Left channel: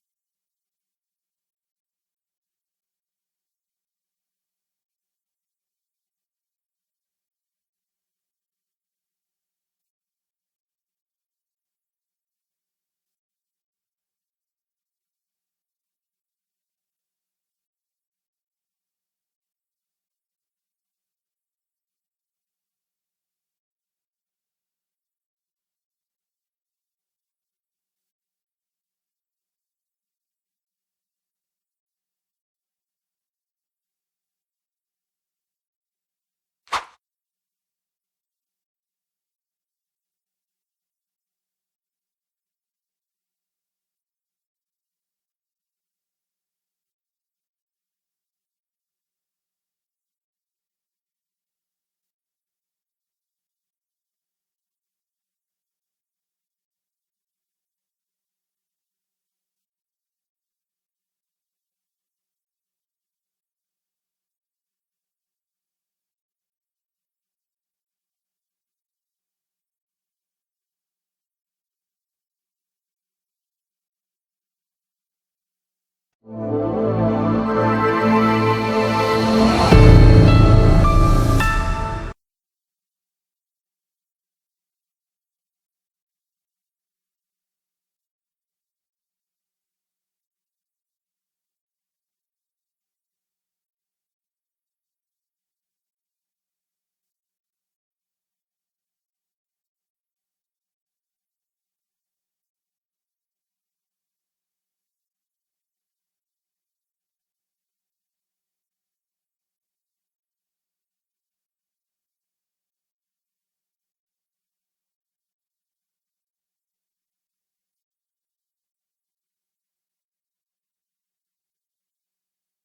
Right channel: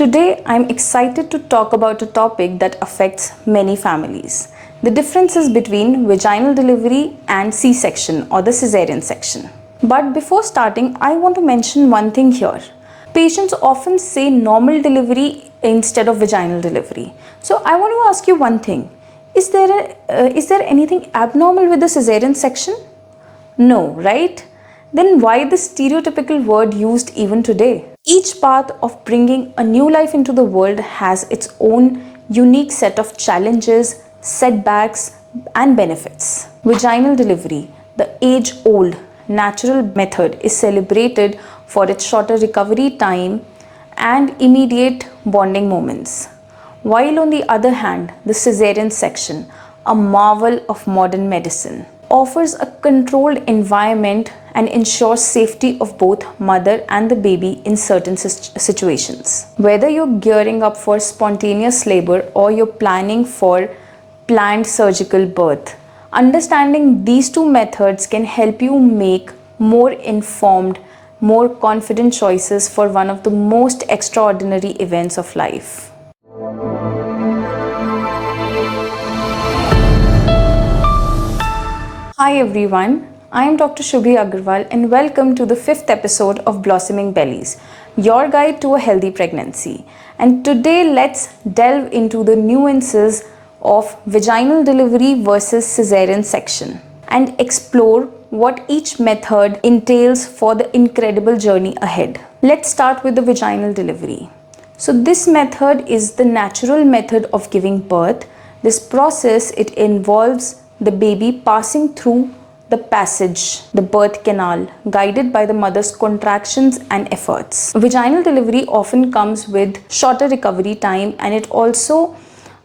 Today, I'm excited to talk about a topic that affects many families. The differences between vaginal delivery and C-section or the cesarean section. But before starting, I want to mention one thing here. Patients often say normal delivery instead of vaginal delivery. So I want to ask you one thing. Is there anything abnormal with the cesarean section? No, right? Then why the stereotypical word used even today? Each path of bringing a new life into the world has its own unique set of challenges, setbacks, and benefits. Vaginal delivery, the age-old natural method, is celebrated for its shorter recovery time and immediate bonding moments. While on the other hand, the cesarean section, a marvel of modern medicine, offers a controlled environment and ensures safety of both mother and the baby in certain situations. Whether you're gearing up for spontaneous labor or you're planning for planned surgical birth, understanding these two methods can help you make more informed, more confident choices for one of the most extraordinary events of life. Hi everyone, I am Dr. Shubhiaggarwal and welcome to the 5th episode of Blossoming Bellies, your guide to a healthy pregnancy. And today let's delve into the nuances of vaginal delivery versus cesarean section and explore what each method entails for the incredible journey ahead. Let's start with the vaginal delivery. So this method is the natural method of giving birth. This process, it involves the baby passing through the passage, the birth canal, guided by the mother's contractions and efforts. Vaginal delivery often comes with shorter recovery time and it also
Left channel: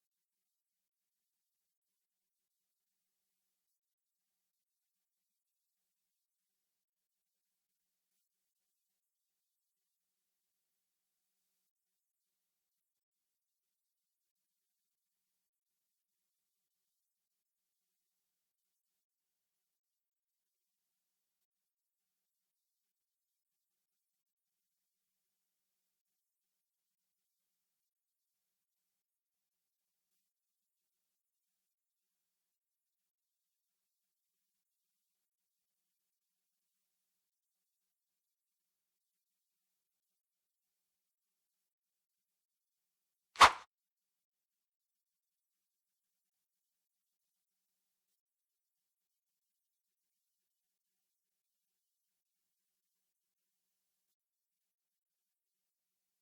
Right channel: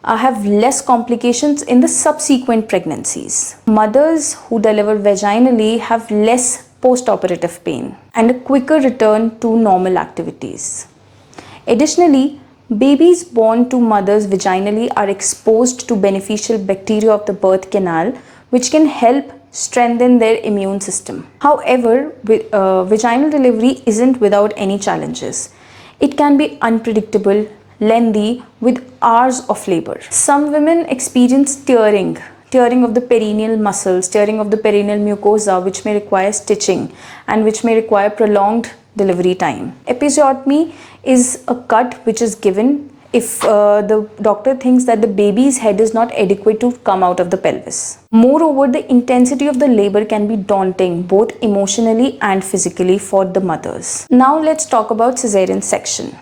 have less complications in the subsequent pregnancies. Mothers who deliver vaginally have less post-operative pain and a quicker return to normal activities. Additionally, babies born to mothers vaginally are exposed to beneficial bacteria of the birth canal, which can help strengthen their immune system. However, vaginal delivery isn't without any challenges. It can be unpredictable, lengthy, with hours of labor. Some women experience tearing of the perineal muscles, tearing of the perineal mucosa, which may require stitching and which may require prolonged delivery time. Episiotomy is a cut which is given if the doctor thinks that the baby's head is not adequate to come out of the pelvis. Moreover, the intensity of the labor can be daunting both emotionally and physically for the mothers. Now let's talk about cesarean section.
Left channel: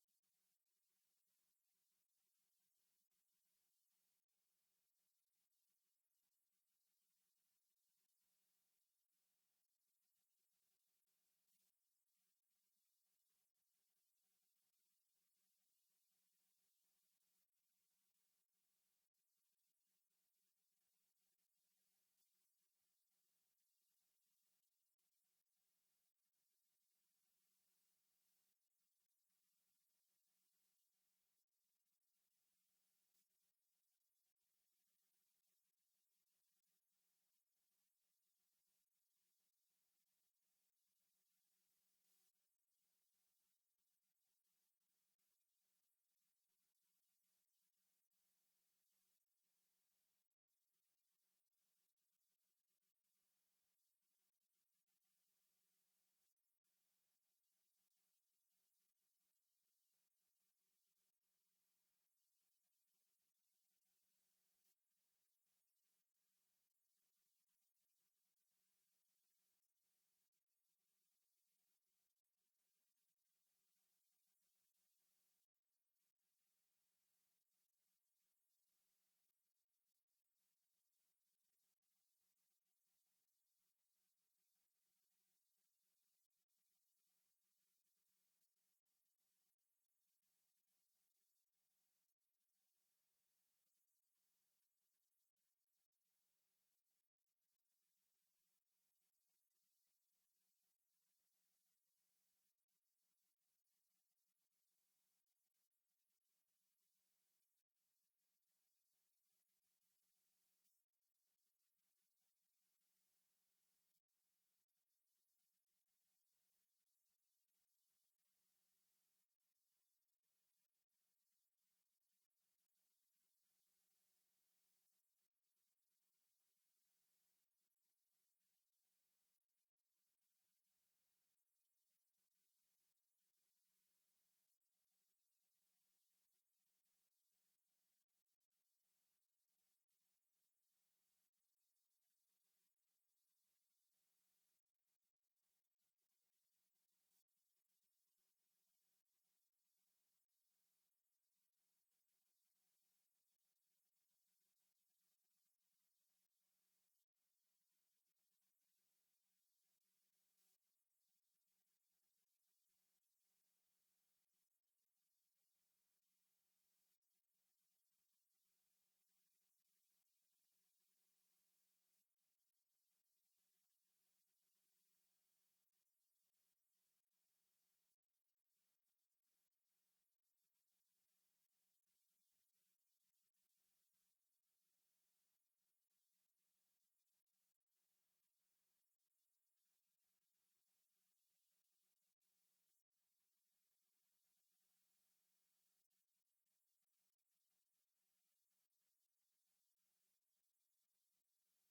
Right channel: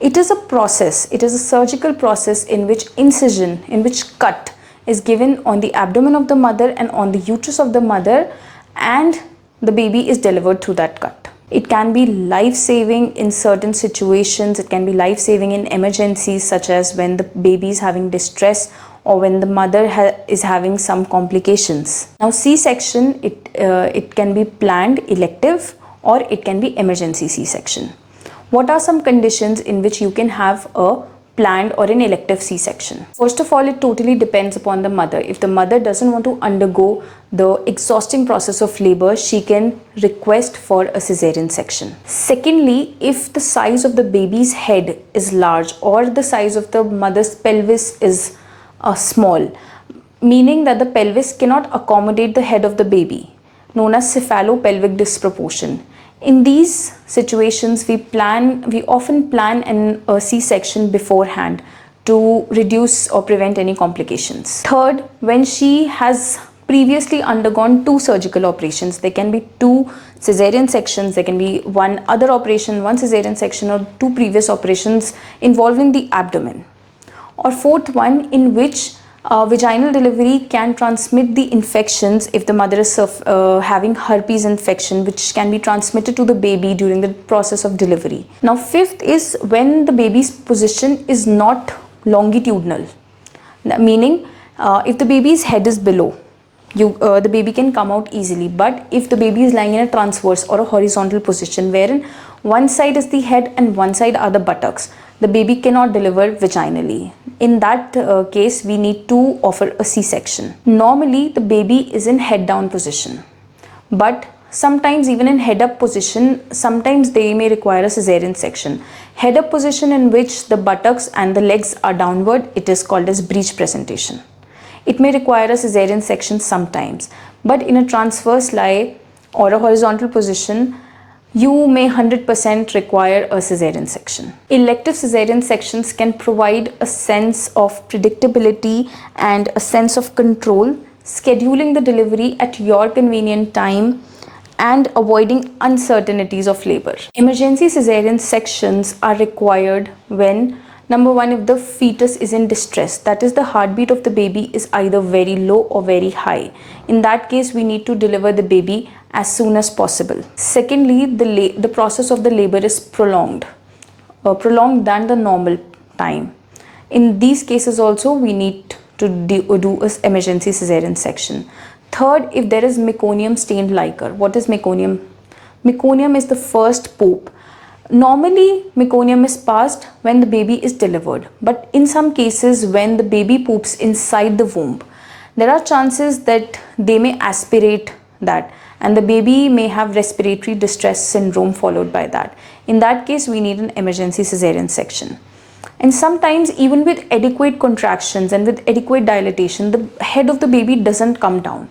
It is a process, it is a surgical process in which incision, in which cut is given on the abdomen of the mother and on the uterus of the mother, and the baby is delivered through that cut. It can be life-saving in certain situations. It can be life-saving in emergencies such as when the baby is having distress or when the mother is having some complications. Now C-section, it can be planned elective or it can be emergency C-section. What are some conditions in which you can have a planned or an elective C-section? First of all, it totally depends upon the mother. If the mother doesn't want to undergo the exhausting process of labor, she can request for a cesarean section. Secondly, if the size of the baby's head is large or the size of the mother's pelvis is small, meaning that the pelvis cannot accommodate the head of the baby, known as cephalopelvic disproportion. In these situations, we often plan a C-section beforehand to reduce or prevent any complications. Third, when she has previously undergone 2 surgical operations, there can be 2 cesarean sections, there can be one other operation, 1 cesarean section, or 2 previous operations involving the abdomen. Or fourth one, in which vaginal delivery can transmit the infections if the mother is having herpes infection, which can be transmitted to the baby during the process of delivery. Now fifth is when the baby's position is not longitudinal, meaning if the baby's head is below, the baby can come out easily. But if the baby is lying in a transverse or a horizontal position wherein one side is the head and one side are the buttocks, the baby cannot deliver vaginally. In that case, we need to offer a C-section. Normally, the baby is in head down position, but sometimes even in head up position, sometimes they may require a cesarean section. Head up position in which the buttocks and the legs are downward, it is called as breech presentation. It may require a cesarean section sometimes, but in a transverse lie or a horizontal position, you may 100% require a cesarean section. Elective cesarean sections can provide a sense of predictability and a sense of control, scheduling the delivery at your convenient time and avoiding uncertainties of labor. Emergency cesarean sections are required when, number one, if the fetus is in distress, that is, the heartbeat of the baby is either very low or very high. In that case, we need to deliver the baby as soon as possible. Secondly, the process of the labor is prolonged than the normal time. In these cases also, we need to do an emergency cesarean section. Third, if there is meconium stained liquor. What is meconium? Meconium is the first poop. Normally, meconium is passed when the baby is delivered, but in some cases when the baby poops inside the womb, there are chances that they may aspirate that and the baby may have respiratory distress syndrome followed by that. In that case, we need an emergency cesarean section. And sometimes even with adequate contractions and with adequate dilatation, the head of the baby doesn't come down.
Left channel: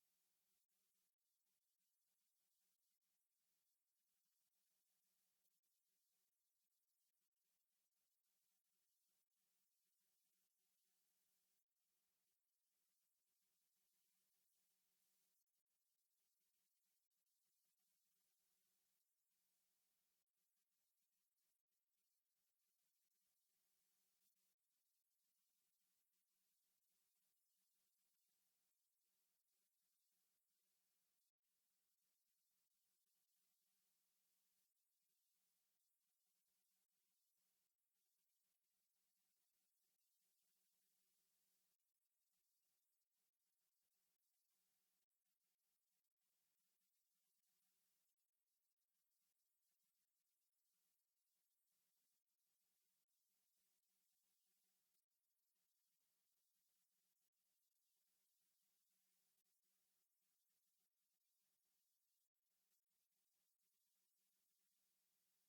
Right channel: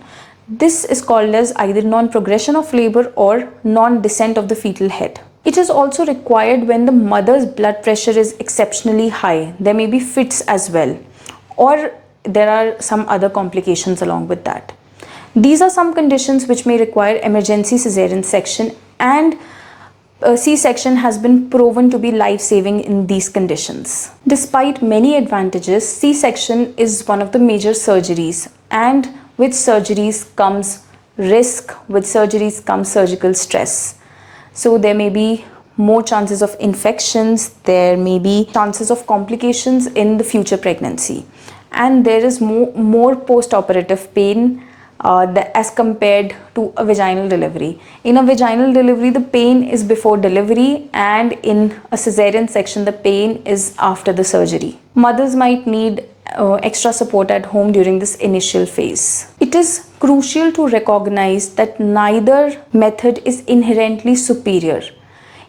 This is called as either non-progression of labor or non-descent of the fetal head. It is also required when the mother's blood pressure is exceptionally high. There may be fits as well, or there are some other complications along with that. These are some conditions which may require emergency cesarean section, and C-section has been proven to be life-saving in these conditions. Despite many advantages, C-section is one of the major surgeries, and with surgeries comes risk, with surgeries comes surgical stress. So there may be more chances of infections, there may be chances of complications in the future pregnancy, and there is more post-operative pain as compared to a vaginal delivery. In a vaginal delivery, the pain is before delivery, and in a cesarean section, the pain is after the surgery. Mothers might need extra support at home during this initial phase. It is crucial to recognize that neither method is inherently superior.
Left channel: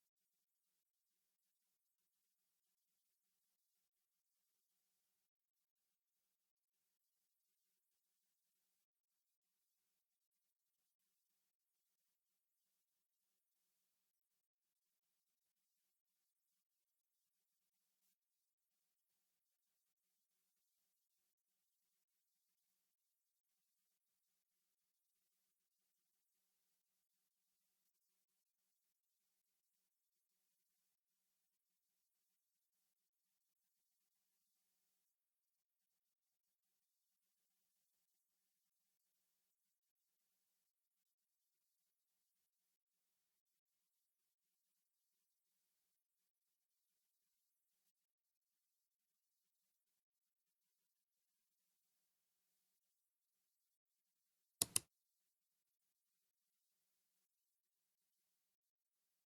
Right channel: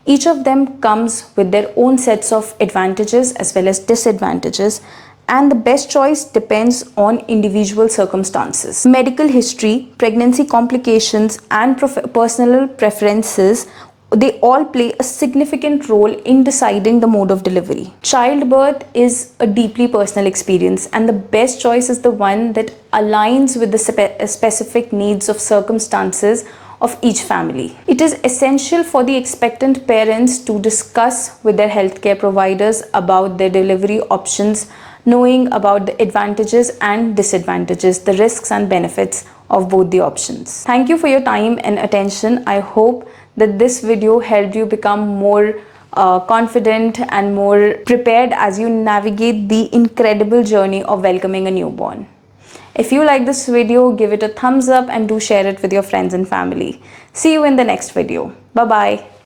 Each of them comes with their own sets of advantages as well as disadvantages, and the best choice depends on individual circumstances. Medical history, pregnancy complications, and personal preferences, they all play a significant role in deciding the mode of delivery. Childbirth is a deeply personal experience, and the best choice is the one that aligns with the specific needs of circumstances of each family. It is essential for the expectant parents to discuss with their healthcare providers about their delivery options, knowing about the advantages and disadvantages, the risks and benefits of both the options. Thank you for your time and attention. I hope that this video helped you become more confident and more prepared as you navigate the incredible journey of welcoming a newborn. If you like this video, give it a thumbs up and do share it with your friends and family. See you in the next video. Bye-bye.